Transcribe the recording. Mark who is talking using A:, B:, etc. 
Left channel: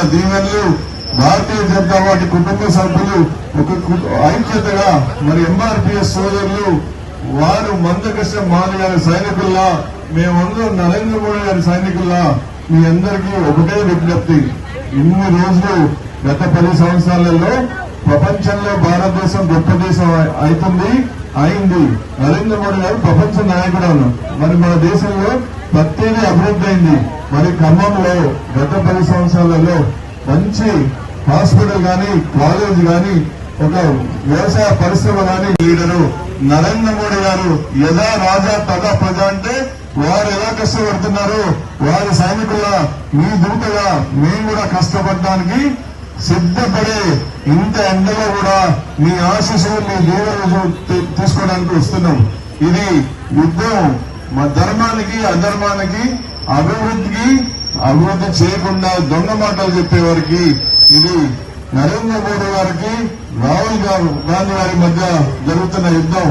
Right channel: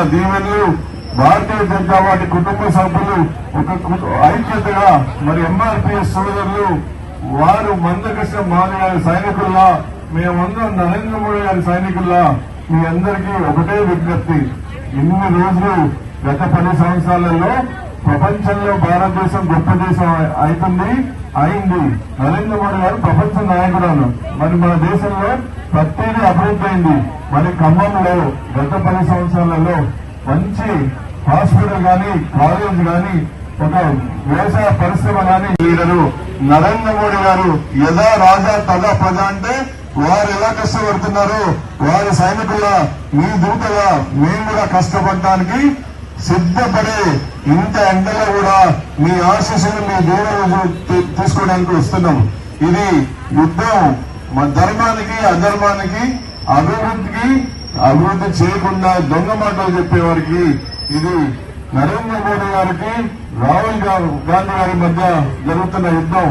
A: ఇస్తున్న దీవెనలు భారతీయ జనతా పార్టీ కుటుంబ సభ్యులు ఒక ఐక్యతగా మరి ఎంఆర్పిఎస్ సోదరులు వారు మందకృష్ణ మాది గారి సైనికుల్లా మేమందరం నరేంద్ర మోడీ గారి సైనికుల్లా మీ అందరికీ ఒకటే విజ్ఞప్తి. ఇన్ని రోజులు గత పది సంవత్సరాలలో ప్రపంచంలో భారతదేశం గొప్ప దేశం అవుతుంది. అయింది. నరేంద్ర మోడీ గారు ప్రపంచ నాయకురాలు. మరి మన దేశంలో ప్రత్యేక అభివృద్ధి అయింది. మరి ఖమ్మంలో గత పది సంవత్సరాలలో మంచి హాస్పిటల్ కానీ కాలేజ్ కానీ ఒక వ్యవసాయ పరిశ్రమ కానీ లీడరు నరేంద్ర మోడీ గారు యథా రాజా తగా ప్రజ అంటే వారు ఎలా కష్టపడుతున్నారు? వారి సైనికుల మీ దూతగా మేము కూడా కష్టపడడానికి సిద్ధపడే ఇంత ఎండలో కూడా మీ ఆశీస్సులు మీ దేవుడు తీసుకోవడానికి వస్తున్నాం. ఇది యుద్ధం. మా ధర్మానికి అధర్మానికి అభివృద్ధికి అభివృద్ధి చేయకుండా దొంగ మాటలు చెప్పేవారికి ఇది నరేంద్ర మోడీ గారికి రాహుల్ గాంధీ గారి మధ్య జరుగుతున్న యుద్ధం.